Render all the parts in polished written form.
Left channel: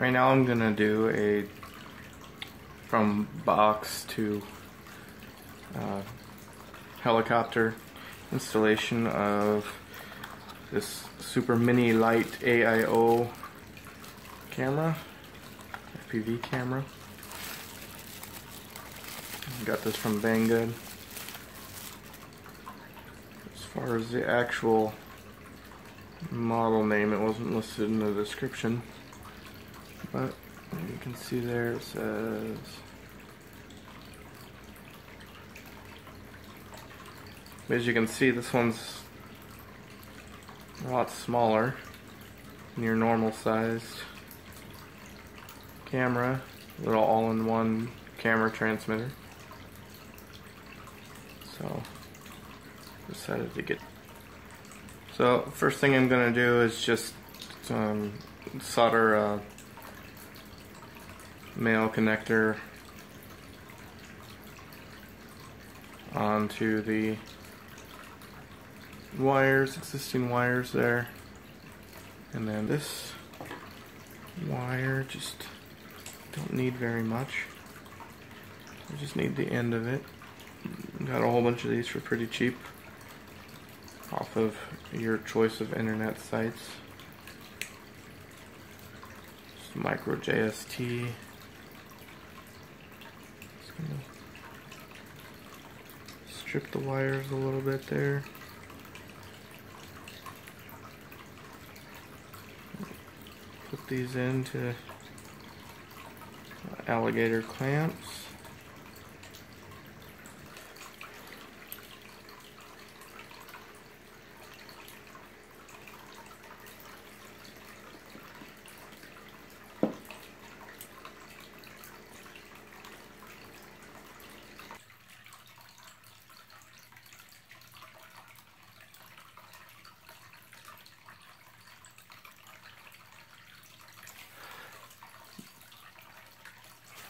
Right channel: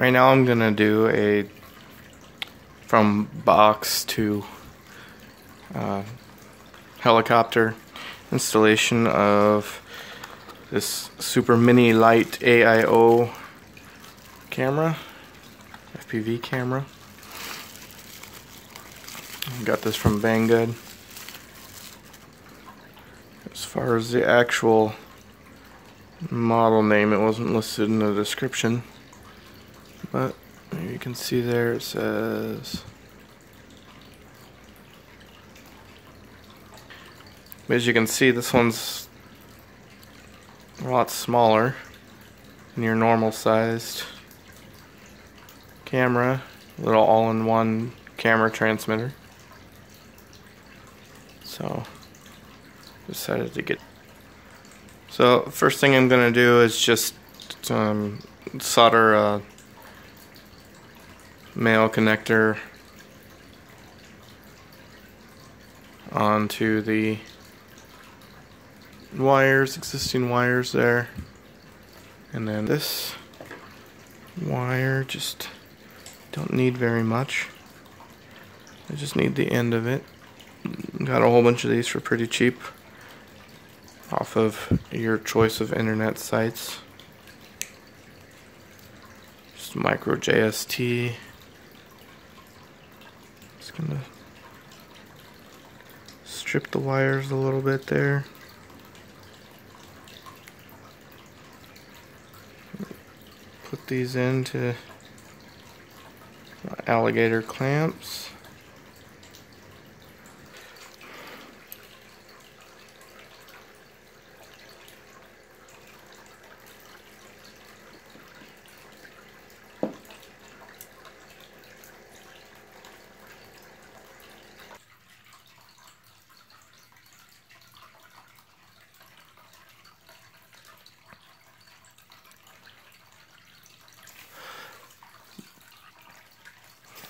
Right now I'm gonna do a from box to helicopter installation of this super mini light AIO camera, FPV camera. Got this from Banggood. As far as the actual model name, it wasn't listed in the description, but you can see there it says, as you can see, this one's a lot smaller than your normal sized camera. Little all-in-one camera transmitter. So decided to get. So first thing I'm gonna do is just solder a male connector onto the wires, existing wires there, and then this wire just don't need very much. I just need the end of it. Got a whole bunch of these for pretty cheap off of your choice of internet sites. Just micro JST. Just gonna strip the wires a little bit there. Put these into alligator clamps.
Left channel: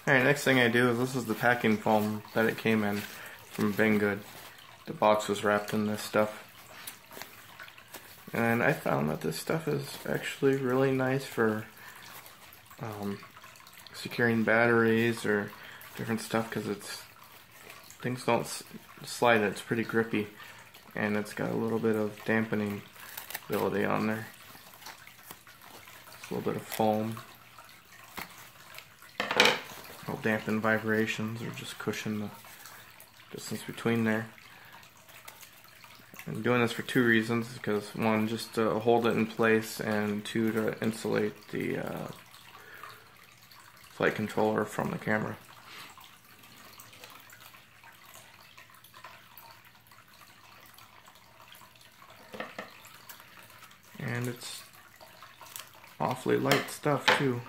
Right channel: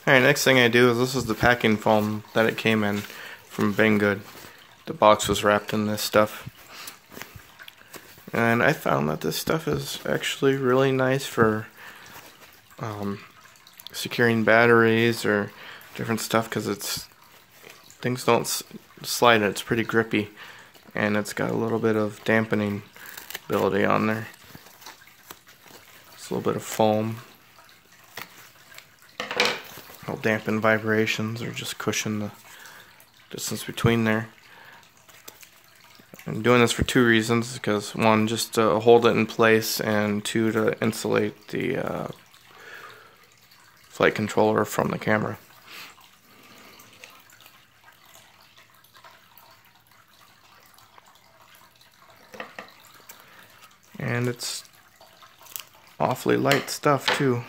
Alright, next thing I do is, this is the packing foam that it came in from Banggood. The box was wrapped in this stuff. And I found that this stuff is actually really nice for securing batteries or different stuff, because things don't slide. It's pretty grippy, and it's got a little bit of dampening ability on there. Just a little bit of foam. Will dampen vibrations or just cushion the distance between there. I'm doing this for two reasons, because one, just to hold it in place, and two, to insulate the flight controller from the camera. And it's awfully light stuff too.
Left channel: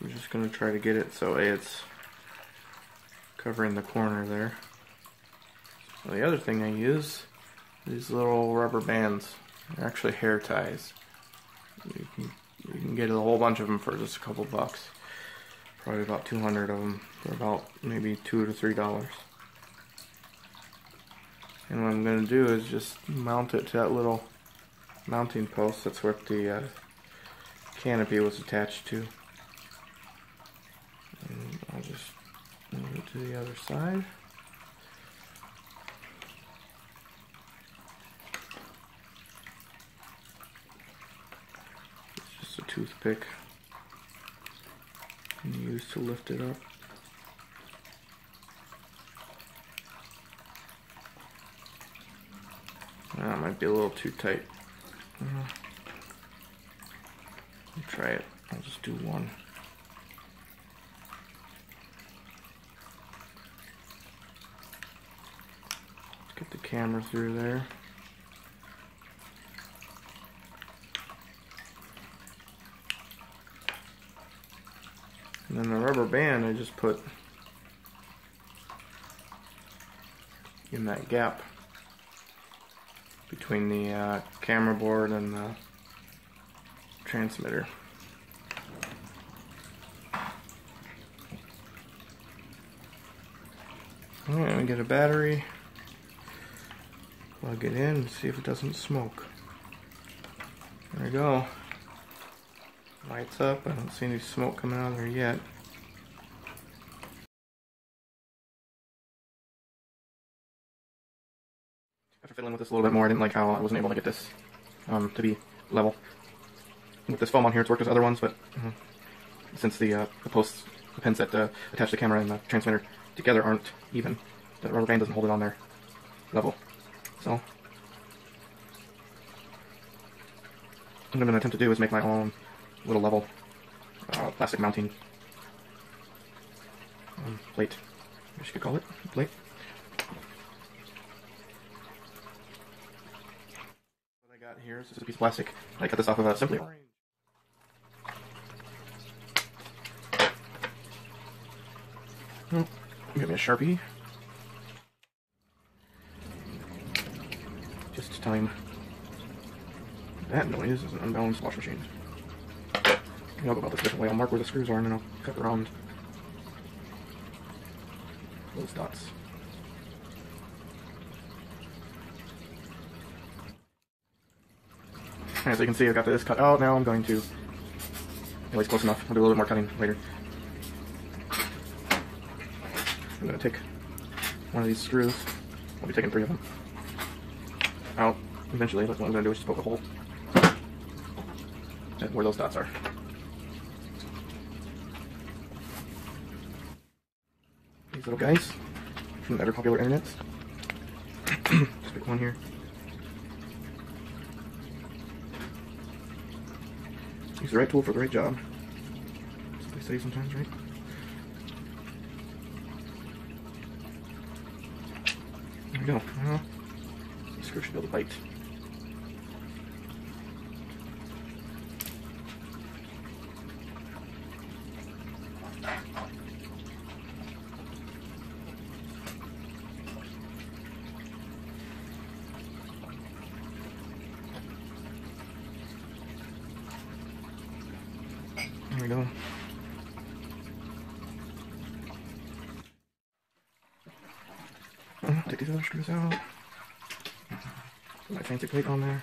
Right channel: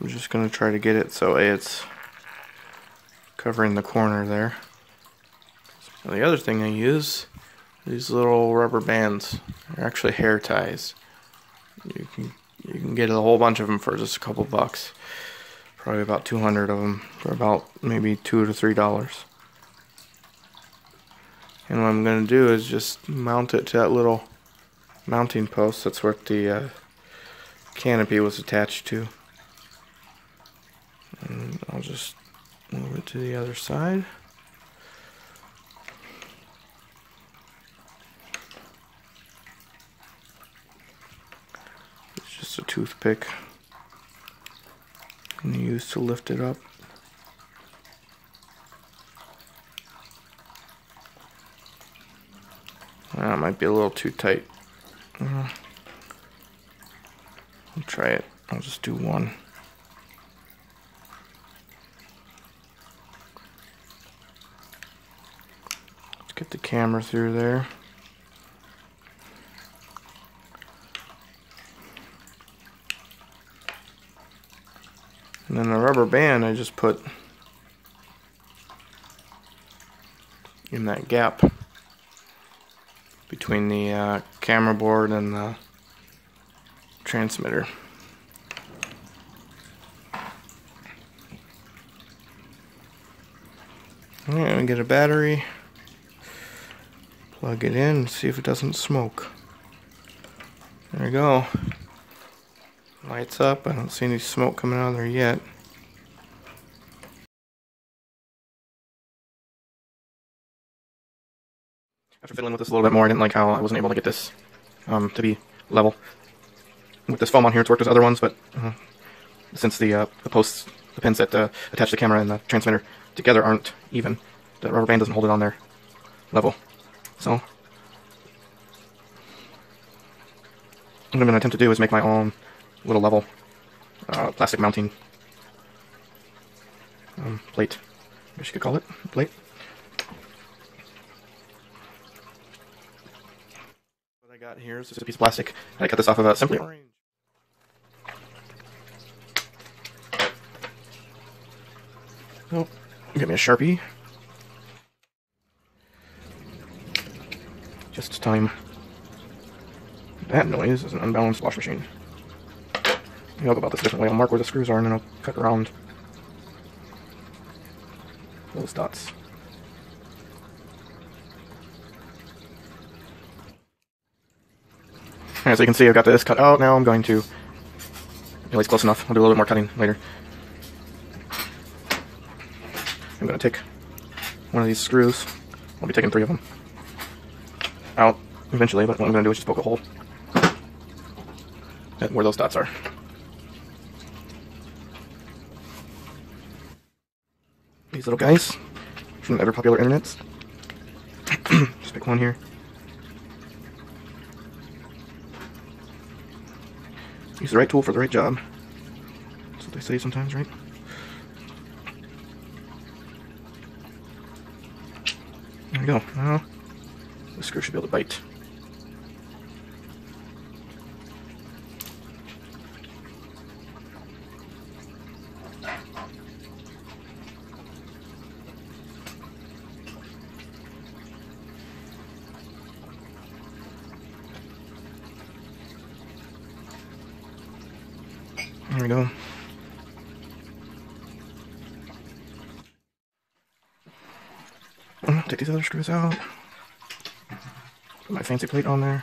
I'm just going to try to get it so it's covering the corner there. So the other thing I use, these little rubber bands. They're actually hair ties. You can get a whole bunch of them for just a couple bucks. Probably about 200 of them for about maybe $2 to $3. And what I'm going to do is just mount it to that little mounting post. That's what the canopy was attached to. And I'll just move it to the other side. It's just a toothpick and use to lift it up. That might be a little too tight. I'll try it. I'll just do one. Get the camera through there. And then the rubber band I just put in that gap between the camera board and the transmitter. Alright, I'm gonna get a battery. Plug it in and see if it doesn't smoke. There you go. Lights up. I don't see any smoke coming out of there yet. After fiddling with this a little bit more, I didn't like how I wasn't able to get this to be level. With this foam on here, it's worked as other ones, but since the posts, the pins that attach the camera and the transmitter together aren't even, the rubber band doesn't hold it on there level. So, what I'm going to attempt to do is make my own little level plastic mounting plate, I guess you could call it, plate. What I got here is just a piece of plastic. I cut this off of a Simply Orange. Oh, get me a Sharpie. Just time. That noise is an unbalanced wash machine. I'll go about this differently. I'll mark where the screws are and then I'll cut around those dots. As you can see, I've got this cut out. Now I'm going to, at least close enough, I'll do a little bit more cutting later. I'm going to take one of these screws. I'll be taking 3 of them out eventually, but what I'm going to do is just poke a hole at where those dots are. These little guys from the ever popular internets. Just pick one here. Use the right tool for the right job. That's what they say sometimes, right? There we go. This screw should be able to bite. There we go. Take these other screws out. Put my fancy plate on there.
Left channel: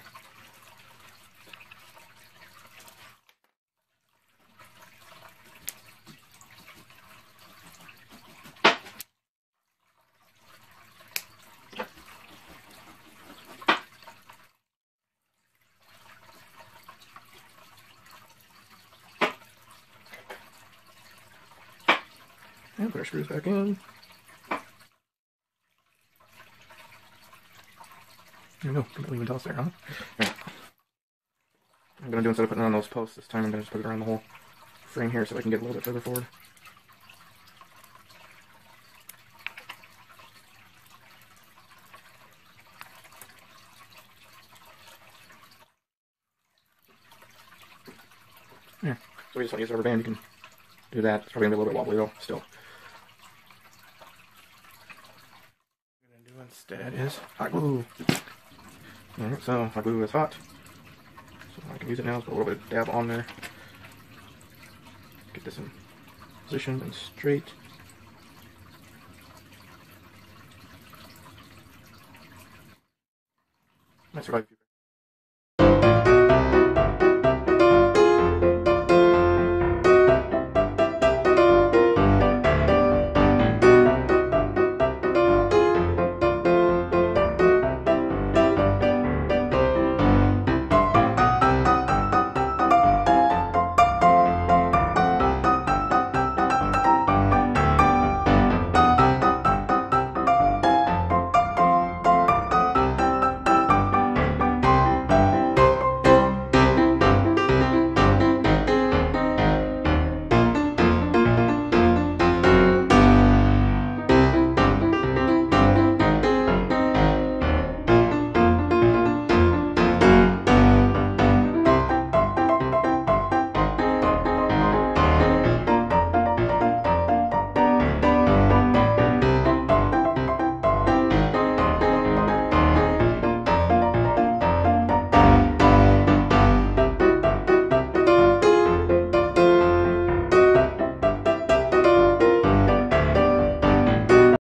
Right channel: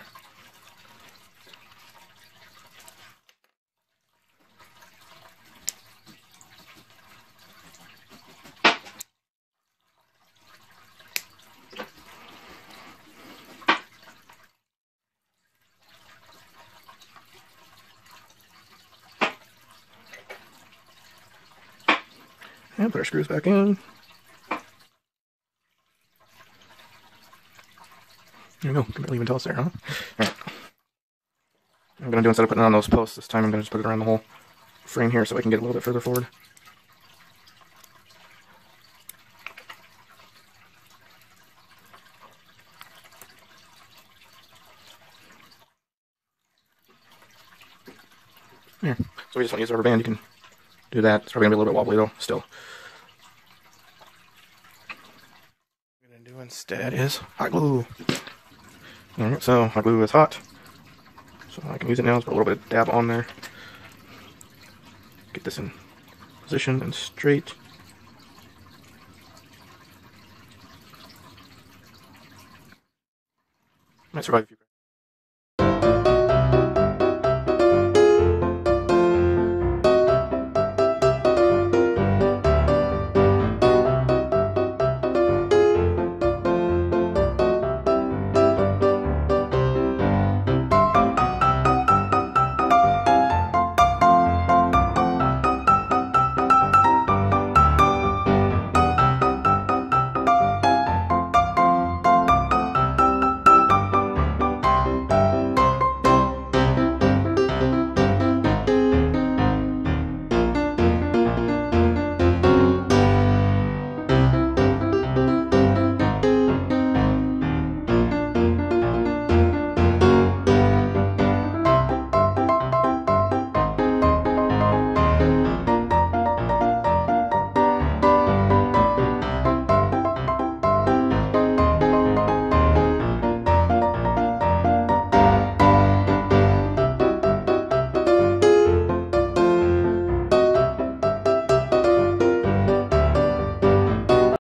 And put our screws back in. There we go. Can barely even tell us there, huh? Alright. I'm going to do, instead of putting it on those posts this time, I'm going to just put it around the whole frame here so I can get a little bit further forward. There. So we just want to use a rubber band. You can do that. It's probably going to be a little bit wobbly though, still. What I'm going to do instead is hot glue. Alright, so hot glue is hot. So I can use it now. Just put a little bit of dab on there. Get this in position and straight. Might survive a few